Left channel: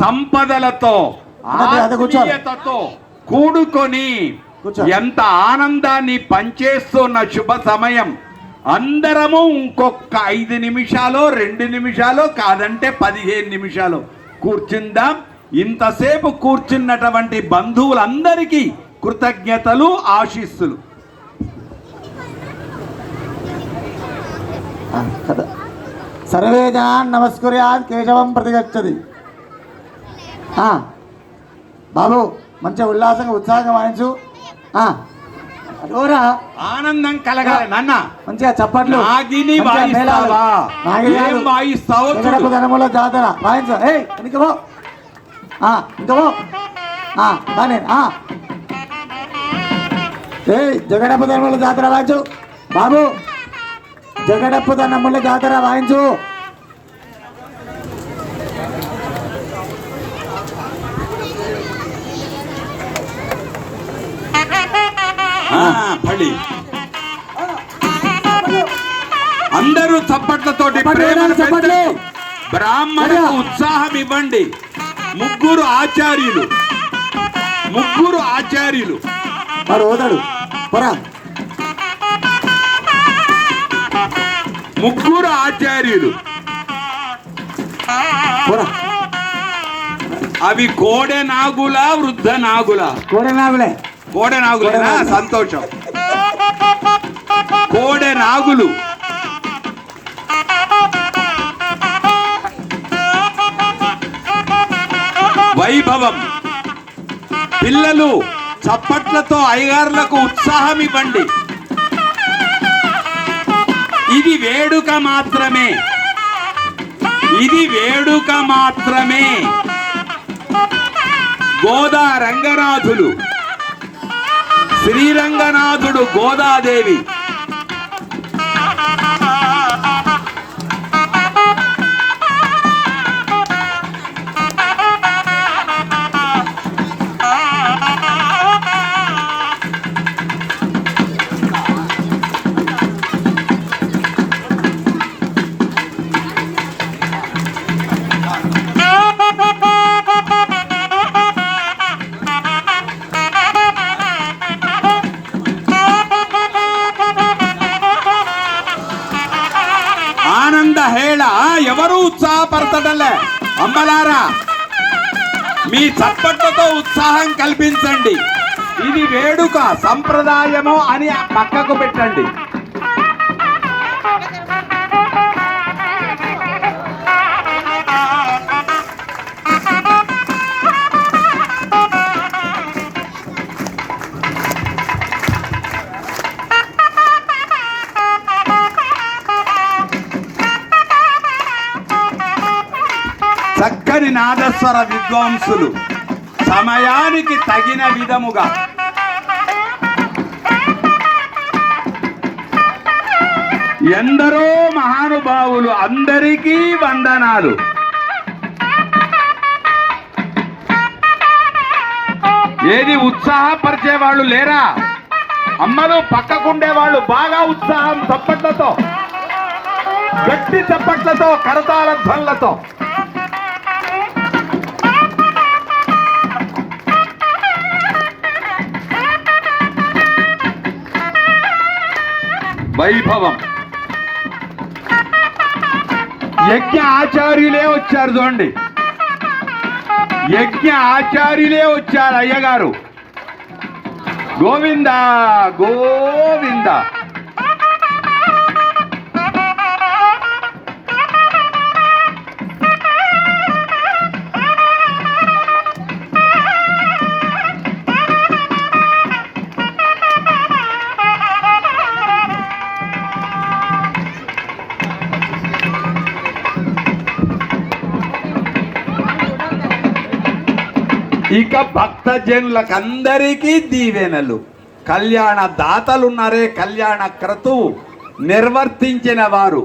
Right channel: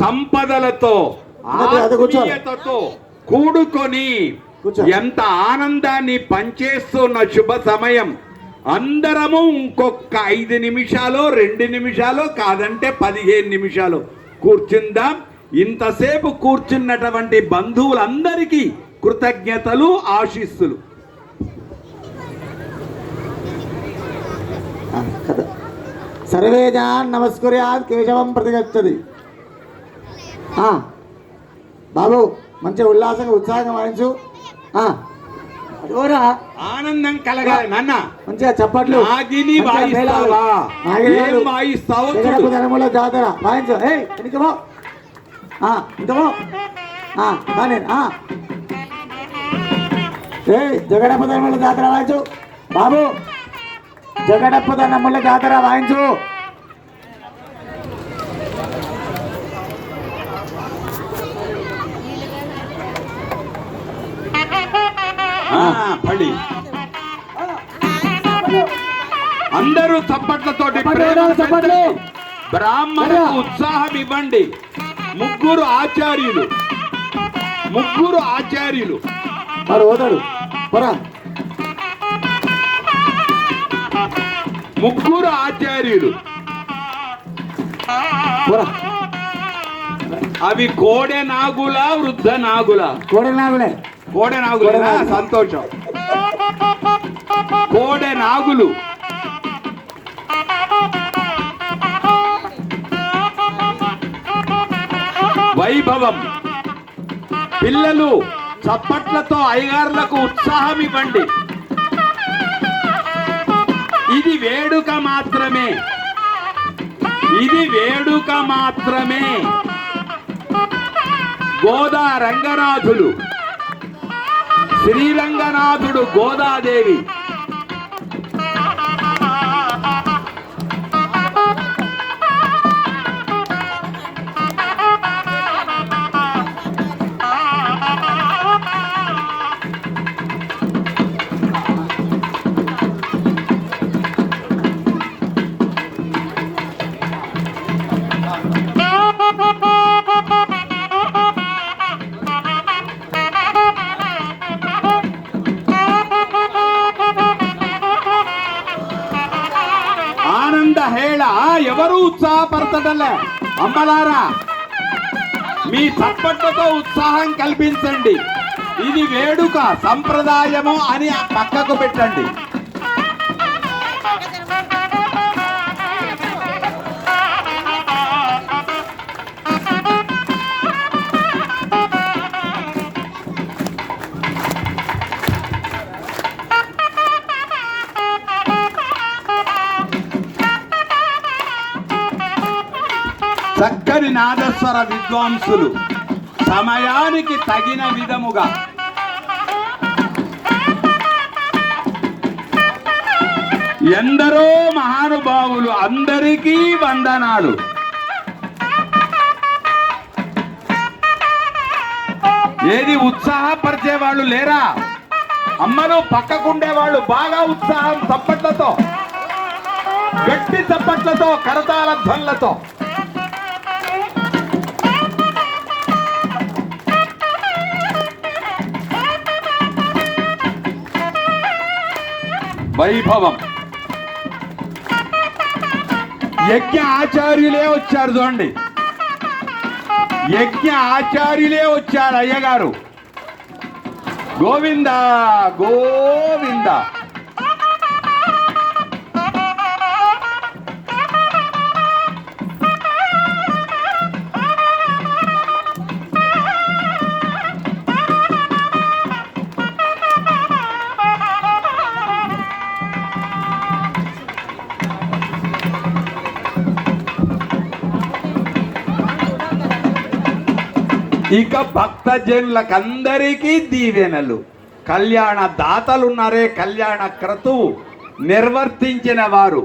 సంపదలతో ఆత్మీయతతో కూడుకొని ఎంత ఆనందాన్ని పంచేస్తున్న శుభ సమయం. అందరము ఇంకొక 5 నిమిషాలు 2 నిమిషాలు కాదంటే 15 నిమిషాలు కూర్చుందాం. ఇంతసేపు కూర్చున్నటువంటి బంధువులందరికీ కృతజ్ఞతలు, ఆశీస్సులు. సర్వే జనాన్ నమస్కుర్యాత్ కేశవం ప్రతిగచ్చతి. బాబు మంచిగా ఉల్లాసంగా ఉత్సాహంగా వాయించు. ఆనందం కలగాలి నాన్న. మంచిగా చప్పట్లు. ధనముల జాతర వాయించు. ఇంకో బానే జగడప్ప ధనముల జాతర వాయించు బాబు. జగడప్ప ధనముల జాతర వాయించు. అందరూ చప్పట్లతోటి బ్రాహ్మణులకు ఉత్సాహం ఇవ్వండి. ముగ్గురు ఆచార్యులు ముగ్గురు ఆచార్యులు అవి కోడె నాగుల వృద్ధ నాగుల? కోడె నాగులేనా? సంతోషం. కోడె నాగులు వైభవం. పిల్లలు చప్పట్లతో అయ్యగారులకు ఉత్సాహం ఇవ్వండి. ఇది వేడుక మాత్రమే, ఇది వేడుక మాత్రమే. గోదా రంగనాథులు, శ్రీరంగనాథుడు, గోదాదేవి. ఆనంద హేళ ఎవరు ఉత్సాహపరచడలే. అమ్మలారా, మీ చప్పట్లతో ఉత్సాహం కల్పించండి. ఇది వేడుక, సంప్రదాయము అని పక్కకు పెట్టండి. చక్కని నాదస్వర విద్వాంసులు సమయానికి తగిన విధముగా ఎందరో మహానుభావులు, అందరికీ వందనాలు. ఏది ఉత్సాహపరిచే వాళ్ళు లేరా? అమ్మలు పక్కకుండే వాళ్ళు బాగా ఉత్సాహం చప్పట్లతో, గట్టి చప్పట్లతో, కరతాళ ధ్వనులతో. వైభవం. యజ్ఞ ఆచార్యులే వచ్చారు చూడండి, యజ్ఞ ఆచార్యులే వచ్చారు. అయ్యగారు గోవింద గోవింద. ఇక భక్తజనులకందరికీ దీవెనలు. కళ్యాణ దాతలున్నారే, కళ్యాణ క్రతువు నిర్వర్తించిన వారు